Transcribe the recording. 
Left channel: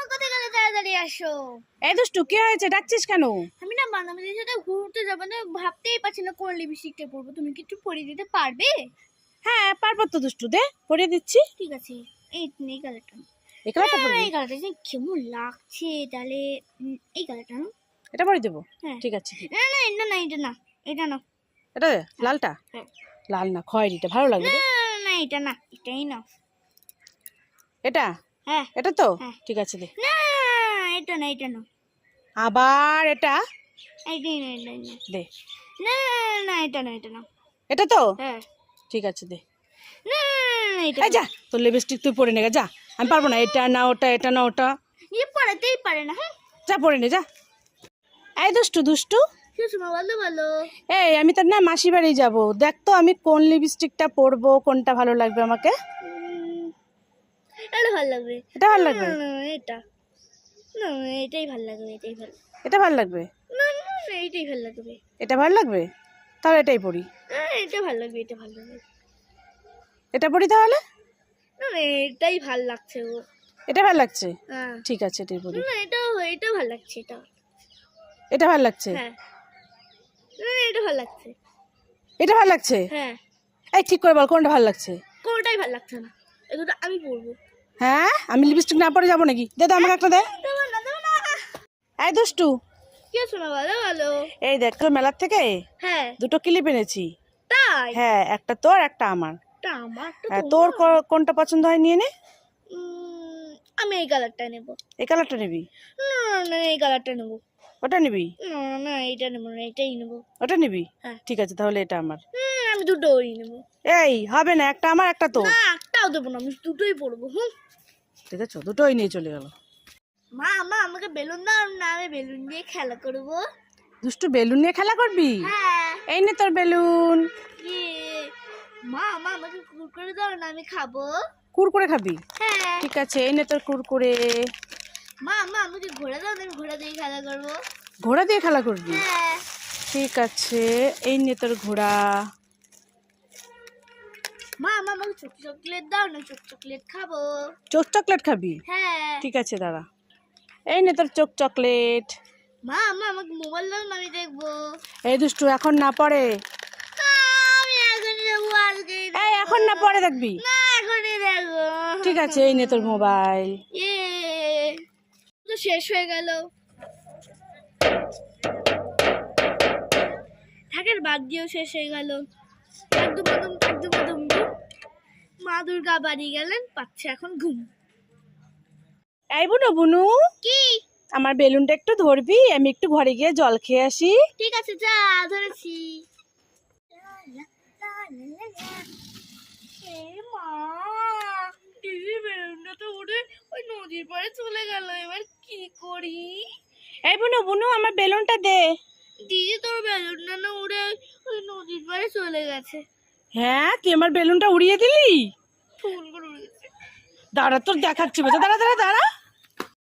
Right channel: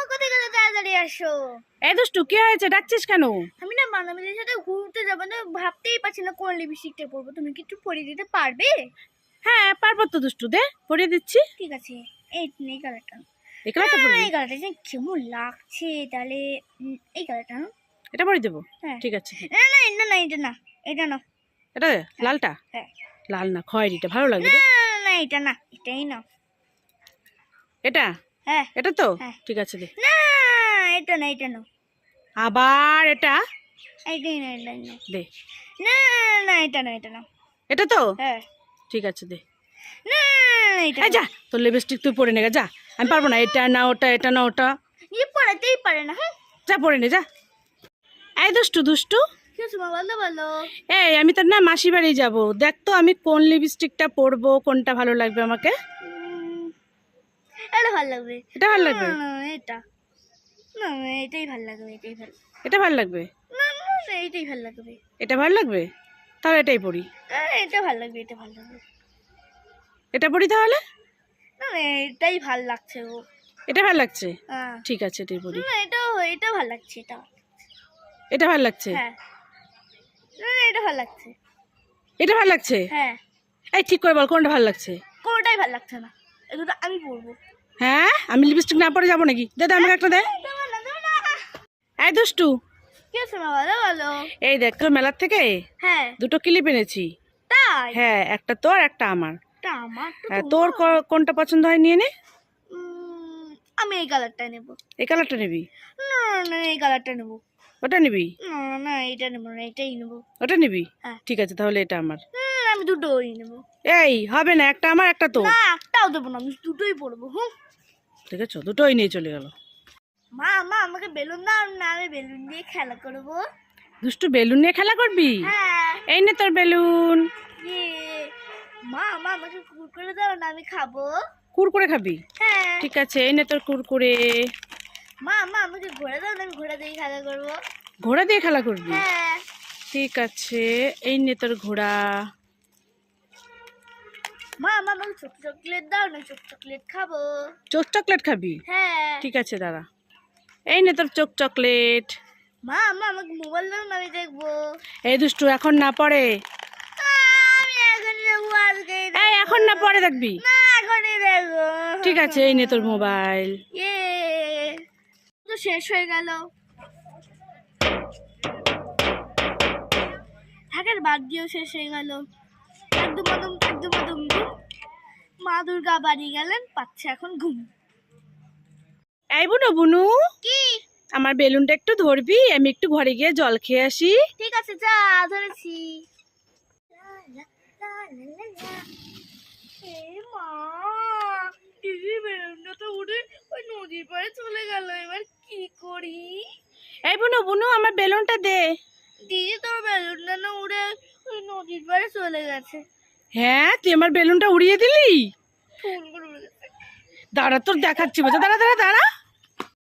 মা কোথায় গেলে তাড়াতাড়ি আসো। এই দুষ্টু কি হয়েছে? ডাকছিস কেন? আমি না বান্ধবীদের সাথে ঘুরতে যাব না ভাবতেই পারছি না কোন লিপস্টিকটা পরবো। তুমি কি একটু পরিয়ে দিতে পারবে? হ্যাঁ পারব তো দুষ্টু দে পরিয়ে দিচ্ছি। ঠিক আছে এই এই কালারটা এই কালারটা এই কালারটা যে কেমন লাগছে তাহলে এই কালারটা এটা পরিয়ে দেবো? হ্যাঁ। ঠিক আছে। না না এটা না এটা না এটা না এটা লালটা? হ্যাঁ। লাল না খয়েরিটা ভালো লাগবে না এটা না এটাই না এটা? হ্যাঁ। এটা তো? হ্যাঁ। ঠিক আছে দে। না এটা না এটা না। আবার এটা? দে। না না এটা না এটা না। এটা তো? হ্যাঁ। ঠিক আছে দে। না এটা যা তোর লিপস্টিক তুই পরে নে যা। আমি পারব না এটা না ওটা এটা না ওটা। নিজে পড়াতেই পারে না হ্যাঁ। যা পরে নে যা। এই দুষ্টু দুষ্টু। এই আমি তোর না মাসি বাড়ি যাব। দেখ তো আমি কোন লিপস্টিকটা পরবো কোনটা ভালো লাগবে আমাকে? এটা ভালো লাগবে এটা ভালো লাগবে এটা না এটাই ভালো লাগবে এটাই ভালো এটা ভালো লাগবে না এইটাই ভালো লাগবে এটা ভালো লাগবে তাহলে এটাই না এটা ভালো লাগবে এটা ভালো লাগবে এটা পরি তাহলে না এটাই ভালো লাগছে ও এটা ভালো লাগছে হ্যাঁ ঠিক আছে এটাই পরি না এটা এটা ভালো লাগছে এটা এটা ভালো লাগছে হ্যাঁ এটা ভালো লাগছে এটা ভালো লাগছে হ্যাঁ এই ঠিক করে বল কোনটা ভালো লাগছে কোনটাই ভালো লাগছে না এগুলো আমি পরবো হ্যাঁ? আমি লিপস্টিক না পরে যাব নাকি? দে আমাকে একটা দে। এই দুষ্টু। এই দেখ তো মেলার থেকে হ্যাঁ দুটো ক্লিপ এনেছি। হ্যাঁ একটা তোর একটা আমার। তা তো হ্যাঁ, তোর কোনটা পছন্দ হয় নিয়ে নে। আমি এই কালারটা নেব। এই কালারটা নিবি না এই কালারটা নেব ওটা নিবি? না না এটা নেব না এটাই নেব ওটা নিবি? হ্যাঁ। ঠিক আছে তাহলে এটা আমার। আমি দুটোই নেব। এই হবে না একটা আমার একটা তোর। না একটাও দেবো না আমি দুটোই পরবো হুম। আছে দুটোই নিয়ে চলে গেল। মা মা আমাকে বেলুন দাও না আমি বেলুন দিয়ে খেলা করব। দুষ্টু বেলুন নিয়ে খেলা করবি? হ্যাঁ। এই নে তোর বেলুন। ইয়ে। মা মা আমাকে কুরকুরে দাও না আমি খাব। কুরকুরে খাবি? হ্যাঁ। ঠিক আছে এই নে তোর কুরকুরে। মা মা আমাকে ঘোড়া দাও না আমি ঘোড়া দিয়ে খেলা করব। ঘোড়া দিয়ে খেলা করবি? হ্যাঁ। ঠিক আছে এই নে তোর ঘোড়া। মা মা আমাকে চোখ চকলেট দাও না চোখ চকলেট খাব। চোখ চকলেট খাবি? হ্যাঁ। ঠিক আছে দাদা এই নে তোর চোখ চকলেট। মা মা আমাকে মোবাইল দাও না আমি দেখব। এই দুষ্টু এখন না পড়ে। আমি এখনই দেখব আজকে। এই এখন না পরে দেখবি? না এখনই দেখব। ঠিক আছে এই নে তোর মোবাইল ইয়ে তো শেষ হয়ে গেল। থাকের বাদ দিয়েও শেষ হয়ে গেল। একদম একদম একদম একদম ঘুম মা দুর্গা বাড়ি গেলেন পাচ্ছে এখন ঘুম। এই বুনু বুনু। কি? আমার বেলুনটা একটু ধরবি আমি একটু ঘরে গিয়ে জল খেয়ে আসি। ঠিক আছে যা ধরেছি। মা বেলুনটা তো উড়ে ওই নদীর পাড়ে চলে গেল এবার কি করি? এই বুনু বুনু আমার বেলুনটা দে। দিদি তোর বেলুনটা না উড়ে ওই নদীর পাড়ে চলে গেছে। হ্যাঁ তুই আমার বেলুনটা উড়িয়ে দিলি? ফুলগুলো উড়ে গেছে। দাঁড়া তোর দেখাচ্ছি দাঁড়া দাঁড়া দাঁড়া।